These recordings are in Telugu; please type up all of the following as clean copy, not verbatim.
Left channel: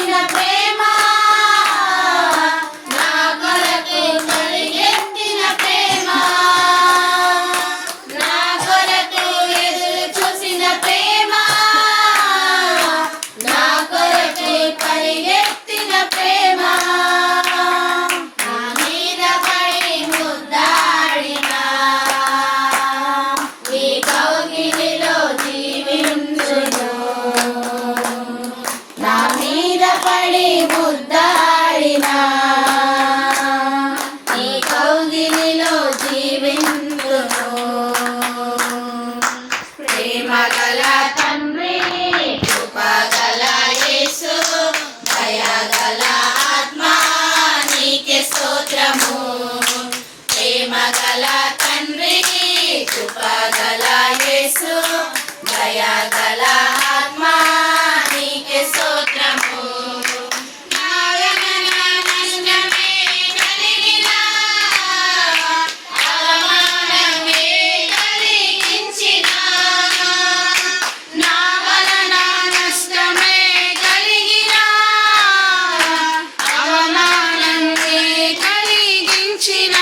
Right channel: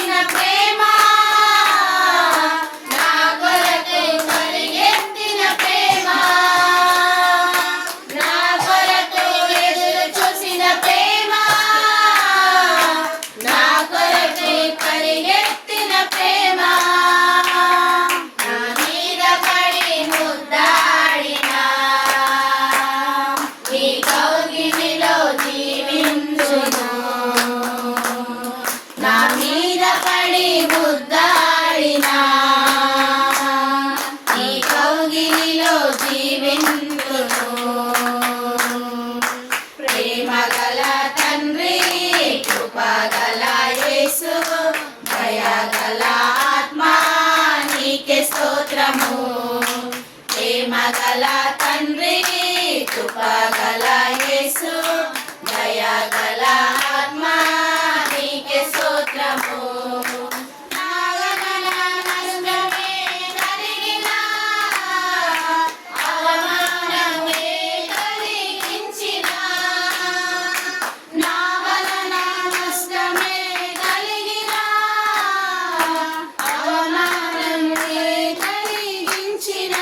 చూసిన ప్రేమ నా కొరకు పరిగెత్తిన ప్రేమ నా కొరకు ఎదురు చూసిన ప్రేమ నా కొరకు పరిగెత్తిన ప్రేమ నా మీద పడి ముద్దాడిన ఈ కౌగిలిలో జీవించును నా మీద పడి ముద్దాడిన ఈ కౌగిలిలో జీవించును ప్రేమ గల తండ్రి కృపగల యేసు దయగల ఆత్మా నీకే స్తోత్రము ప్రేమ గల తండ్రి కృపగల యేసు దయగల ఆత్మా నీకే స్తోత్రము నాయన నష్టమే కలిగిన అవమానమే కలిగించిన నా వలన నష్టమే కలిగిన అవమానమే కలిగించిన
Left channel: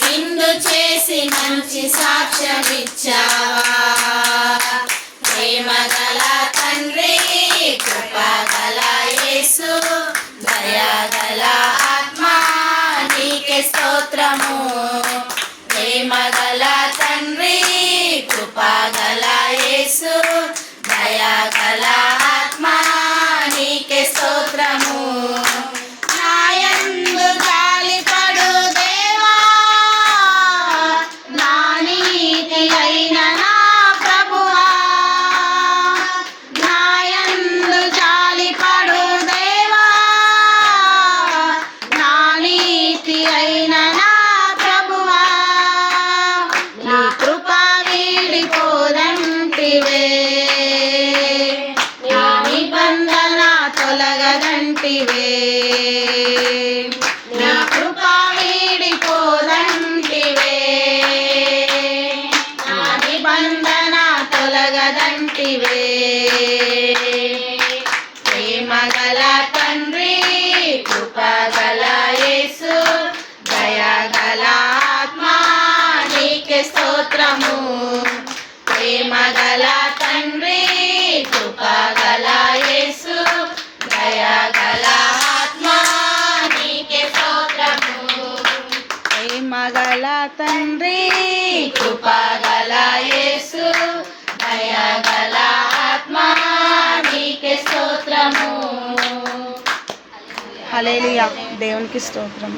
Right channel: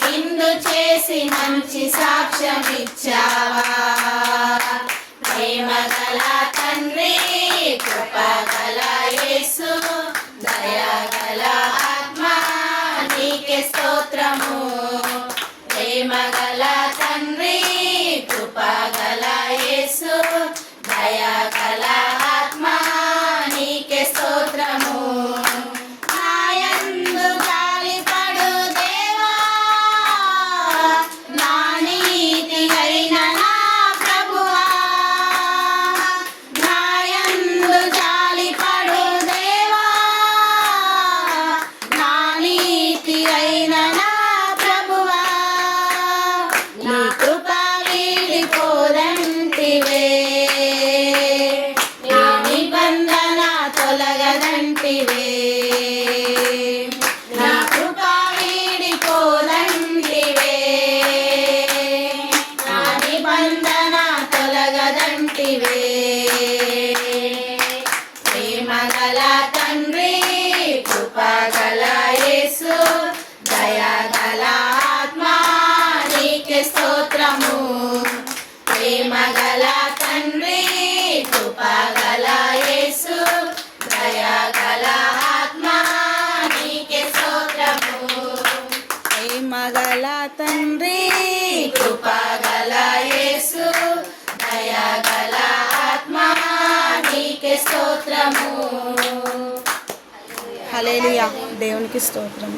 విందు చేసి మంచి సాక్ష్యమిచ్చావా ప్రేమ గల తండ్రి కృపగల యేసు దయగల ఆత్మా నీకే స్తోత్రము ప్రేమ గల తండ్రి కృపగల యేసు దయగల ఆత్మా నీకే స్తోత్రము నాయందు జాలిపడు దేవా నా నీతి అయిన నా ప్రభువా నాయందు జాలిపడు దేవా నా నీతి అయిన నా ప్రభువా నీ కృప వీడిపోదంటివే నీ నిబంధన తొలగదంటివే నా కృప వీడిపోదంటివే నా నిబంధన తొలగదంటివే ప్రేమ గల తండ్రి కృపగల యేసు దయగల ఆత్మా నీకే స్తోత్రము ప్రేమ గల తండ్రి కృపగల యేసు దయగల ఆత్మా నీకే స్తోత్రము ప్రేమ గల తండ్రి కృపగల యేసు దయగల ఆత్మా నీకే స్తోత్రము. హల్లెలూయా. దేవునికి స్తోత్రం.